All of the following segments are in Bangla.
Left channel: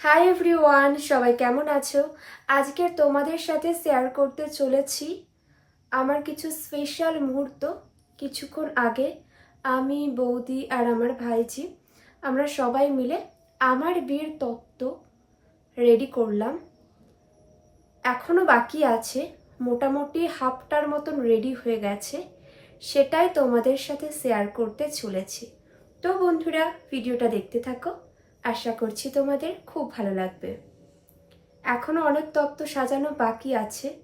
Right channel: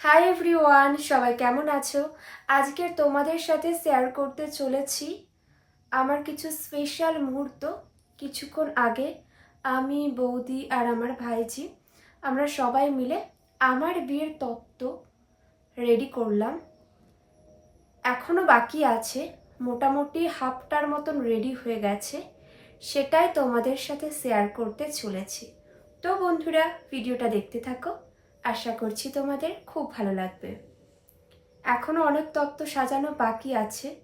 হাই এভরিওয়ান সবাই কেমন আছো? আজকের তোমাদের সাথে শেয়ার করতে চলেছি আমার কিছু স্পেশাল মুহূর্ত। কিছুক্ষণ আগে আমি, বৌদি আর আমার ভাইজি, আমরা সবাই মিলে আমার বিয়ের তত্ত্ব রেডি করলাম। এখনও বাকি আছে, মোটামুটি হাফটার মতন রেডি হয়ে গেছে। সেটাই তোমাদের সাথে শেয়ার করতে চলেছি। তো বন্ধুরা ভিডিওটা দেখতে থাকো। আশা করছি তোমাদের খুব ভালো লাগবে। এখনও অনেক তত্ত্ব সাজানো বাকি আছে,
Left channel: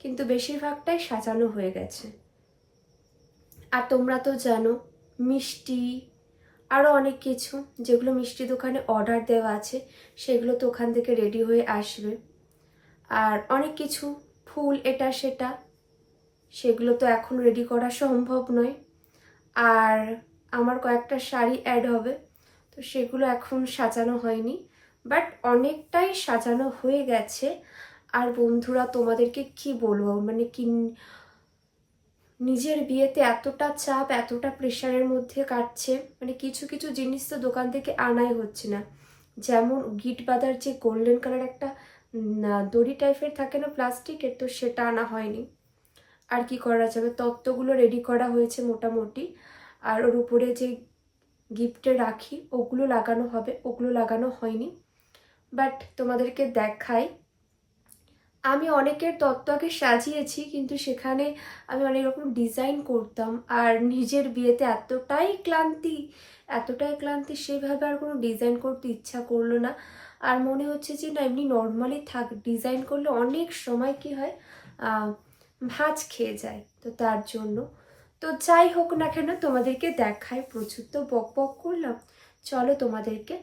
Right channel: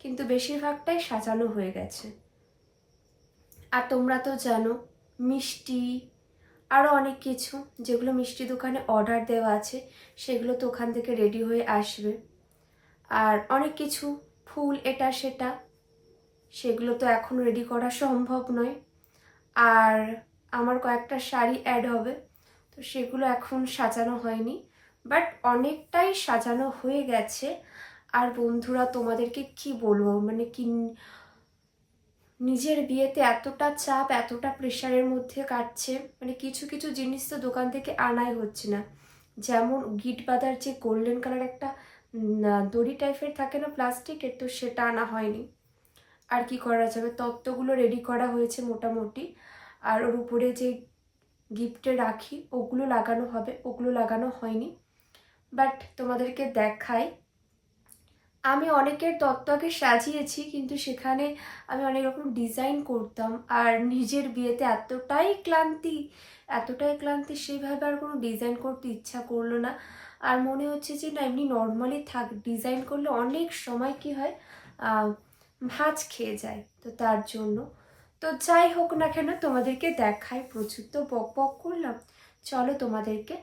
কিন্তু বেশিরভাগটাই সাজানো হয়ে গেছে। আর তোমরা তো জানো, মিষ্টি আরও অনেক কিছু, যেগুলো মিষ্টি দোকানে অর্ডার দেওয়া আছে, সেগুলো তো ওখান থেকে রেডি হয়ে আসবে। আর অনেক কিছু, ফুল এটা সেটা, সেগুলো তো এখন রেডি করা সম্ভব নয়। আর আমার কয়েকটা শাড়ি অ্যাড হবে। তো সেগুলো এখন সাজানো হয়নি বাট অনেকটাই সাজানো হয়ে গেছে। আর বন্ধুরা, তোমাদেরকে কি বলব? মানে কি নিজের বিয়েতে এতটা চাপ, এতটা প্রেশারের মধ্যে কাটছে মানে কিছু কিছু জিনিস তো দোকান থেকে আনাই হচ্ছে না। যেমন গিট বাঁধার যে গোল্ডেন কালার একটা দড়ি টাইপের থাকে না প্লাস্টিকের, তো সেটা আনা হয়নি। আর কি করা যাবে? তত্ত্বগুলো রেডি করা হয়েছে মোটামুটি। আর ওর উপরে যে গিফটে রাখি, ওগুলো লাগানো হবে, ওগুলো লাগানো হয়নি। বাট তোমাদেরকে দেখাই, আমি অনেকের তত্ত্ব আগে সাজিয়েছি, কিন্তু সেখানে আমি অনেক রকম ডিজাইন করতাম। আর নিজের বিয়েতে এতটাই ক্লান্তি এতটাই ক্লান্তি, সেভাবে আর কোনো ডিজাইন করতে ইচ্ছা করল না। আর মনে হচ্ছে যে, না, এমনি নর্মালি থাক, ডিজাইন করলে অনেক সময় কি হয় ভাঁজ খেয়ে যায়। তো তার জন্য তো যাই হোক না কেন তোমাদেরকে দেখাই প্রচুর তো বক বক করলাম। চলো তোমাদেরকে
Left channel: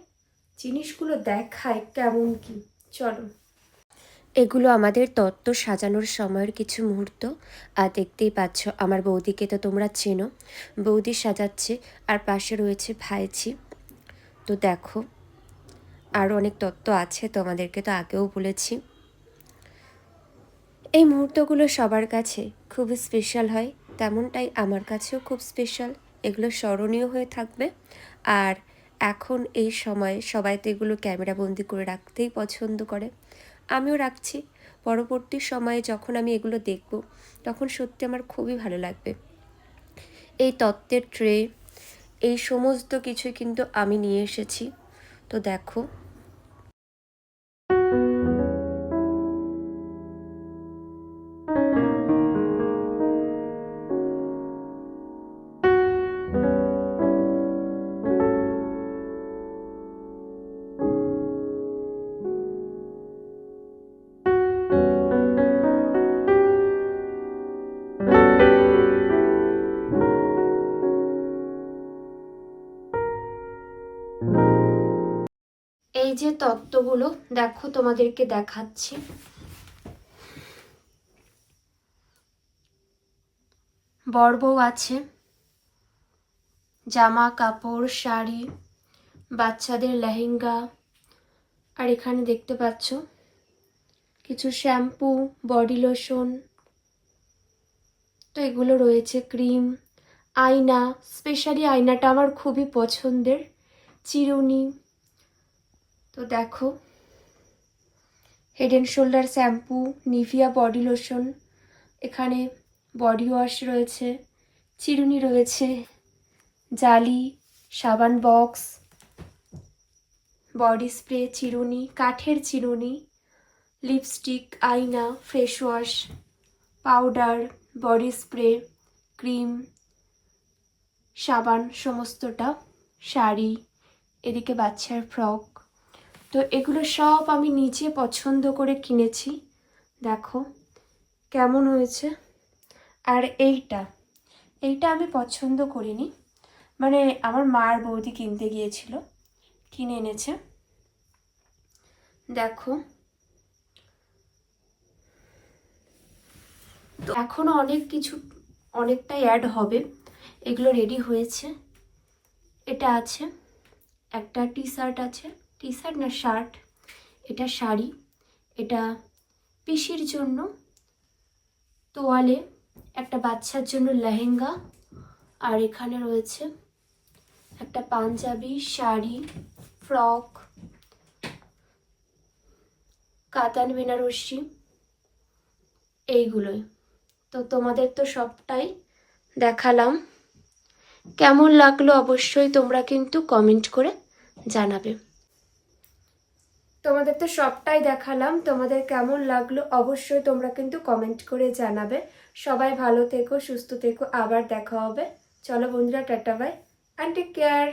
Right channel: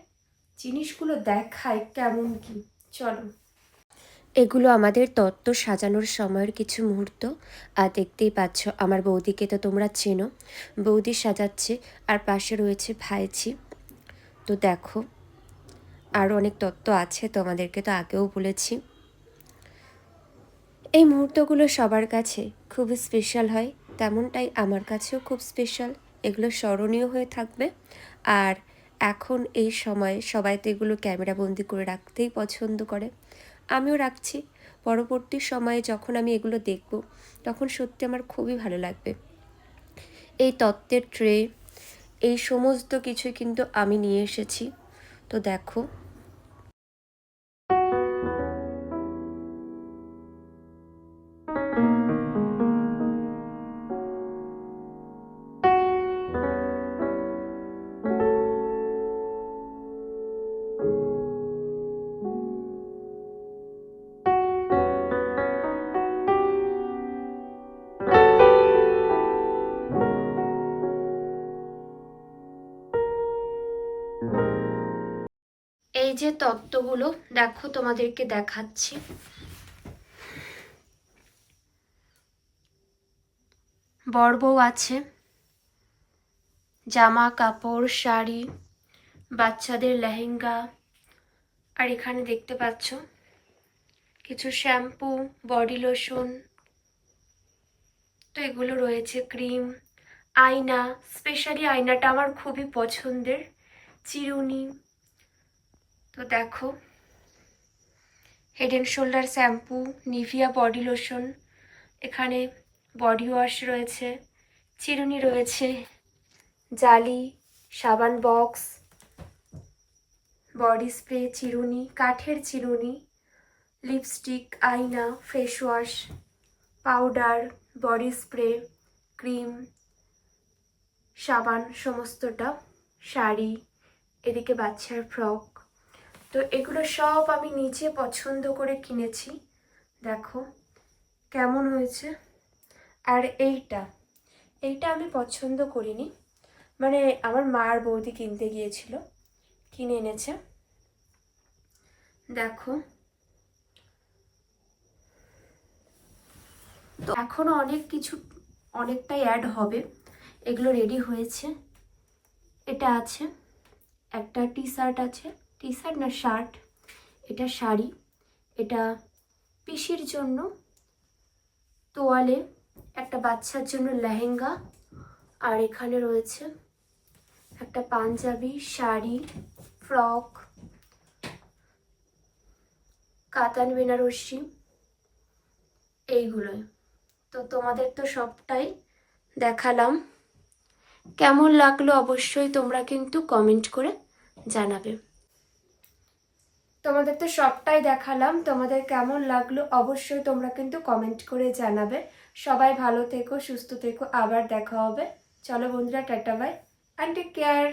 জিনিসগুলো দেখাই কেমন কি, চলো। এগুলো আমাদের তত্ত্ব সাজানোর সময়ের কিছু মুহূর্ত। আর দেখতেই পাচ্ছ, আমার বৌদিকে তো তোমরা চেনো। বৌদি সাজাচ্ছে, আর পাশে রয়েছে ভাইছি তো দেখো আরও অনেক তত্ত্ব আছে তোমাদেরকে তো আগেও বলেছি। এই মুহূর্তগুলো সবার কাছে খুব স্পেশাল হয়। তেমনটাই আমার কাছেও খুব স্পেশাল এগুলো স্মরণীয় হয়ে থাকবে। আর এখন এই সময়ে সবাই তো এগুলো ক্যামেরা বন্দি করে রাখতেই পছন্দ করে। আমিও রাখছি। পরবর্তী সময়ে যখন আমি এগুলো দেখব, তখন সত্যি আমার খুবই ভালো লাগবে। এই তত্ত্বের ট্রে এই সমস্ত কিছু কিন্তু আমি নিয়ে এসেছি। তো দেখো এই যে তত্ত্বগুলো, দেখো তোমাদেরকে দেখাচ্ছি। বর বউ আছে, জামা, কাপড়, শাড়ি, বাচ্চাদের লেহেঙ্গা, আর এখানে দেখতে পাচ্ছ কিছু শ্যাম্পু, বডি লোশন, তো এগুলো রয়েছে, ক্রিম, আয়না স্পেশালি আয়নাটা আমার খুবই পছন্দের, চিরুনি তো দেখো head and shoulder shampoo Nivea body lotion এখানে বডি ওয়াশ রয়েছে, চিরুনি রয়েছে, জালি, সাবান বক্স বডি স্প্রে চিরুনি, কাঠের চিরুনি লিপস্টিক আয়না face wash powder body spray cream সাবান, সমস্তটা, শাড়ি, এদিকে বাচ্চার ফ্রক তো এগুলো সব আমি নিজে পছন্দ করে কিনেছি। দেখো, কেমন হয়েছে? আর এইটা এইটা আমি পছন্দ করিনি। মানে আমার মার বৌদি কিনতে গিয়েছিল, কিনে এনেছে। দেখো। তো এখনও অনেক কিছু, অনেকটাই অ্যাড হবে। এগুলো রেডি হয়েছে। এটা আছে, একটা টি শার্ট আছে। টি শার্ট না শার্ট? এটা শাড়ি। এটা পিসির জন্য তোয়ালে, একটা বাচ্চার জন্য লেহেঙ্গা, আর এখানে রয়েছে একটা পাঞ্জাবি, শাড়ি, ফ্রক, কাতান বেনারসি, এইগুলোই। তো তোমাদের তো সবটাই দেখালাম। কেমন লাগল অবশ্যই তোমরা কিন্তু কমেন্ট করে জানাবে। তোমাদের তো সবটাই দেখালাম। তোমাদের কেমন লাগল অবশ্যই তোমরা কিন্তু কমেন্ট করে জানাবে। সবাই ভালো থেকো, সুস্থ থেকো, আবার দেখা হবে। চলো বন্ধুরা, tata bye and take care